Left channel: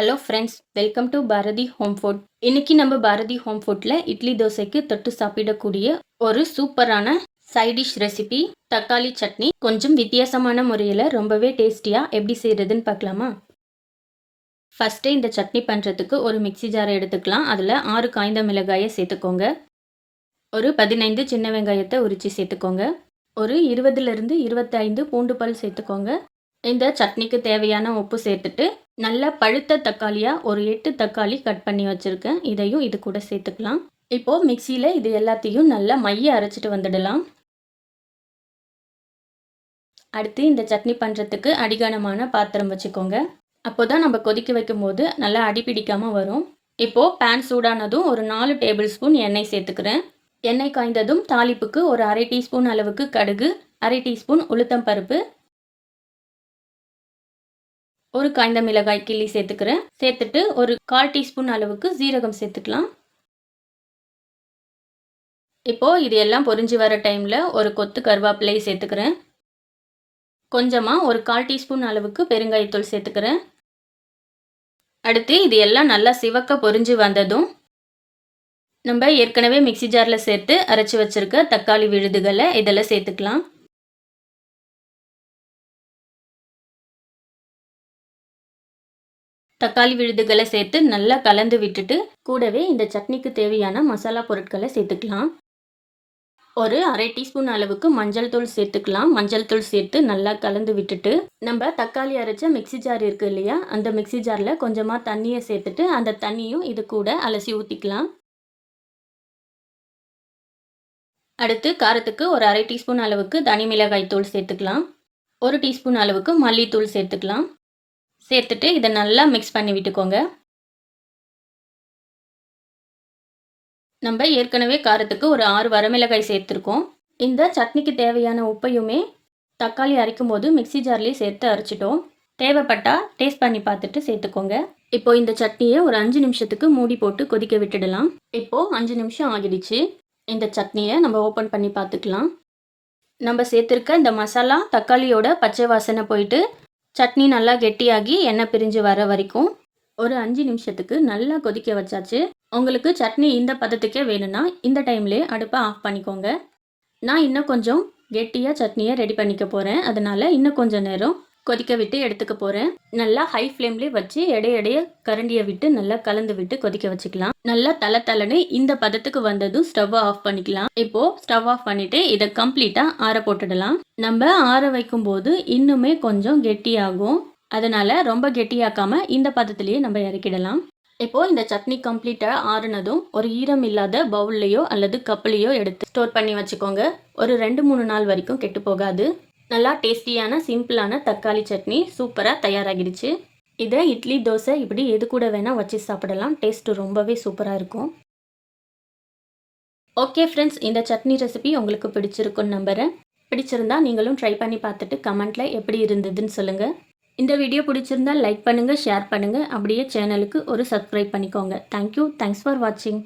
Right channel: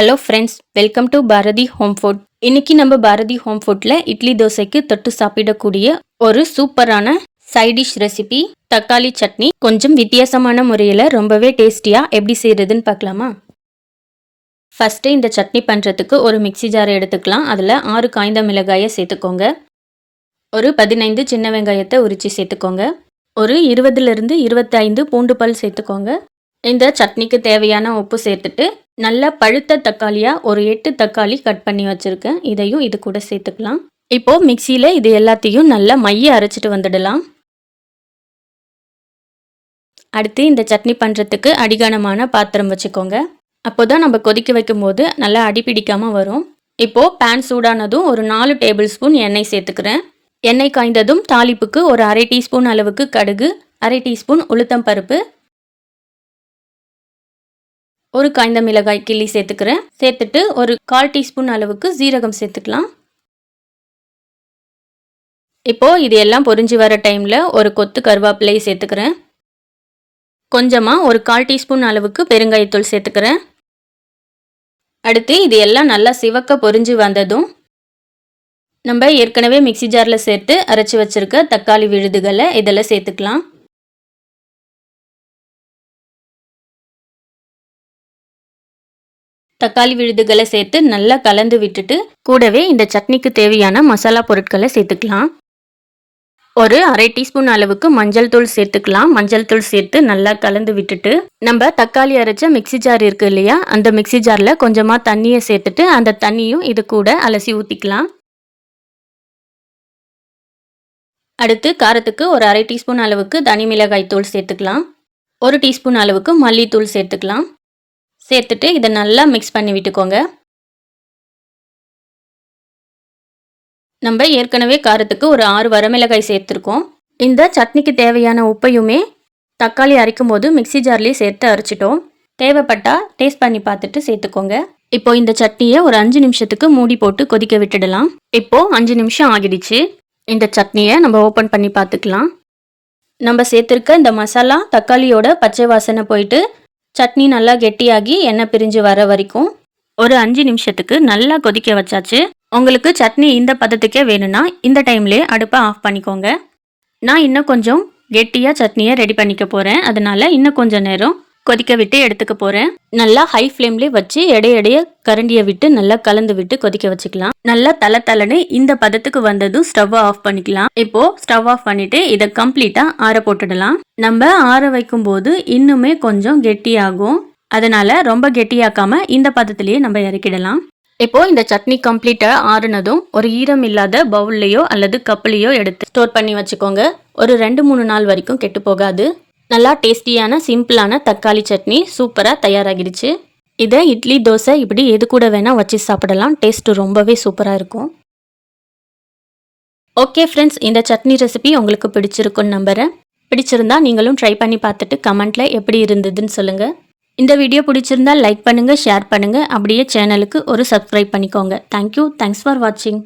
Hello friends welcome to Bharathi home food இன்னைக்கு நம்ம Bharathi home ஃபுட்டில் இட்லி தோசைக்கு தொட்டு சாப்பிடக்கூடிய ஒரு சூப்பரான சைடிஷ் ரெசிபி தக்காளி சட்னி. கொஞ்சம் வித்தியாசமான முறையில் ரொம்பவே டேஸ்டியாக எப்படி செய்கிறதுன்னு பார்க்கலாமா? ஃபஸ்ட்டு இந்த சட்னி பண்ணுறதுக்கு ஒரு மிக்ஸி ஜாரை எடுத்துக்கலாம். அதில் ஆறு காய்ந்த மிளகாயை சேர்த்துக்கோங்க. ஒரு பதினைந்து சின்ன வெங்காயத்தை உரித்து சேர்த்துக்கோங்க. ஒரு இருபதுலேருந்து இருபத்தைந்து பூண்டு பல் சேர்த்துக்கோங்க. இந்த சட்னிக்கு தேவையான உப்பு சேர்த்துட்டு நல்லா பழுத்த தக்காளியாக ஒரு எட்டு தக்காளி கட் பண்ணி வச்சுருக்கேன். இதையும் இது கூட சேர்த்துக்கலாம். இப்போது மிக்சியில் இது எல்லாத்தையும் நல்லா மைய அரைச்சிட்டு வந்துடலாம். அடுத்து இந்த சட்னி பண்ணுறதுக்கு அடிகானமான பாத்திரம் வச்சுக்கோங்க. அப்போ தான் நம்ம கொதிக்க வைக்கும்போது நல்லா அடி பிடிக்காமல் வரும். இப்போது பேன் சூடானதும் ஒரு நாலு டேபிள் ஸ்பூன் எண்ணெய் சேர்த்துக்கிறேன். எண்ணெய் காய்ந்ததும் தாளிப்புக்கு ஒரு அரை டீஸ்பூன் அளவுக்கு கடுகு அரை டீஸ்பூன் உளுத்தம் பருப்பு ஒரு காய்ந்த மிளகாய் கிள்ளி சேர்த்துக்கிறேன். சேர்த்துட்டு ஒரு கால் டீஸ்பூன் அளவுக்கு ஜீரகம் சேர்த்துக்கலாம். இப்போது இது எல்லாம் பொரிஞ்சு வர டைமில் ஒரு கொத்து கருவேப்பிலையை சேர்த்துக்கிறேன். கொஞ்சமாக ஒரு கால் டீஸ்பூன் அளவுக்கு பெருங்காயத்தூள் சேர்த்துக்கிறேன். அடுத்து இது எல்லாம் நல்லா சிவக்க பொரிஞ்சு வந்ததும் நம்ம ஏற்கனவே மிக்சி ஜாரில் சேர்த்து அரைச்சி வச்சுருக்க தக்காளி விழுதுகளை இதெல்லாம் சேர்த்துக்கலாம். தக்காளி விழுதுகளை சேர்த்து நல்லா கலந்து விட்டுட்டு கூடவே இந்த சட்னிக்கு தேவையான மசாலா பொருட்களை சேர்த்துக்கலாம். ஒரு அரை டீஸ்பூன் அளவுக்கு மஞ்சள் தூள் சேர்த்துக்கலாம். மஞ்சள் தூள் சேர்த்து நல்லா கலந்து விட்டுட்டு நம்ம தக்காளி அரைச்ச மிக்சி ஜார் இருக்கு இல்லையா? அந்த மிக்சி ஜாரில் கொஞ்சமாக தண்ணியை சேர்த்துட்டு அந்த தண்ணியும் இது கூட அலசி ஊற்றிக்கலாம் அடுத்து காரத்துக்கு ஒரு அரை டீஸ்பூன் அளவுக்கு தனி மிளகாய் தூள் சேர்த்துக்கலாம். ஒரு டீஸ்பூன் அளவுக்கு மல்லித்தூள் சேர்த்துக்கலாம். சேர்த்துட்டு இதை நல்லா மிக்ஸ் பண்ணி விட்டுக்கோங்க. நம்ம ஏற்கனவே காரத்துக்கு ஒரு ஆறு வரமிளகாய் சேர்த்துருக்கோம். இந்த சட்னிக்கு தேவையான உப்பையுமே தக்காளி அரைக்கும் போது மிக்சி ஜார்லேயே சேர்த்து அரைச்சிட்டோம். தேவைப்பட்டால் டேஸ்ட் பண்ணி பார்த்துட்டு சேர்த்துக்கோங்க. இப்போ இந்த சட்னியை ஒரு அஞ்சு நிமிஷத்துக்கு மூடி போட்டு கொதிக்க விட்டுடலாம். இப்போ அஞ்சு நிமிஷம் ஆகிடுச்சு. இந்த சட்னியை நம்ம ஓப்பன் பண்ணி பார்த்துக்கலாம். நம்ம சேர்த்துருக்க இந்த மசாலா தக்காளியோட பச்சை வாசனை போயிட்டு சட்னி நல்லா கெட்டியாகி எண்ணெய் பிரிஞ்சு வர வரைக்கும் ஒரு அஞ்சு நிமிஷத்துக்கு நல்லா கொதிக்க வச்சாச்சு. உங்களுக்கு சட்னி இந்த பதத்துக்கே வேணும்னா இந்த டைம்லேயே அடுப்பை ஆஃப் பண்ணிக்கோங்க. நான் இன்னும் கொஞ்சம் கெட்டியாக சட்னியை ரெடி பண்ணிக்க போகிறேன் அதனால் இன்னும் கொஞ்சம் நேரம் கொதிக்க விட்டு எடுத்துக்க போகிறேன் நல்லா ஹை ஃப்ளேம்லேயே வச்சு எடைய கரண்டியை விட்டு நல்லா கலந்து விட்டு கொதிக்க வச்சுக்கலாம். நல்லா தலை தலைன்னு இந்த பதத்துக்கு வந்ததும் ஸ்டவ் ஆஃப் பண்ணிக்கலாம். இப்போ ஸ்டவ் ஆஃப் பண்ணிட்டு இதை கம்ப்ளீட்டாக ஆற போட்டுடலாம். நம்ம ஆற வைக்கும் போது இன்னுமே கொஞ்சம் கெட்டியாகும். அதனால ரொம்ப கெட்டியாக்காம இந்த பதத்திலேயே நம்ம இறக்கிடலாம். இப்போ இந்த சட்னி கம்ப்ளீட்டாக ஆறுனதும் ஒரு ஈரம் இல்லாத பவுல்லையோ அல்லது கப்புலையோ எடுத்து ஸ்டோர் பண்ணி வச்சுக்கோங்க. ஒரு ரெண்டு மூணு நாள் வரைக்கும் கெட்டு போகாது. நல்லா டேஸ்டியான சிம்பிளான தக்காளி சட்னி சூப்பராக தயாராகிடுச்சு. இதை இட்லி தோசை இப்படி எது கூட வேணால் வச்சு சாப்பிடலாம். டேஸ்ட்டு ரொம்பவே சூப்பராக இருக்கும். ஓகே ஃப்ரெண்ட்ஸ் இந்த சட்னி ரெசிபி உங்களுக்கு பிடிச்சிருக்குன்னு நம்புகிறேன் பிடிச்சிருந்தா நீங்களும் ட்ரை பண்ணி பார்த்துட்டு கமெண்ட்டில் எப்படி இருந்ததுன்னு சொல்லுங்கள் இந்த வீடியோ பிடிச்சிருந்தா லைக் பண்ணுங்கள் ஷேர் பண்ணுங்கள் அப்படியே சேனலுக்கு ஒரு சப்ஸ்கிரைப் பண்ணிக்கோங்க. தேங்க்யூ தேங்க்ஸ் ஃபார் வாட்சிங்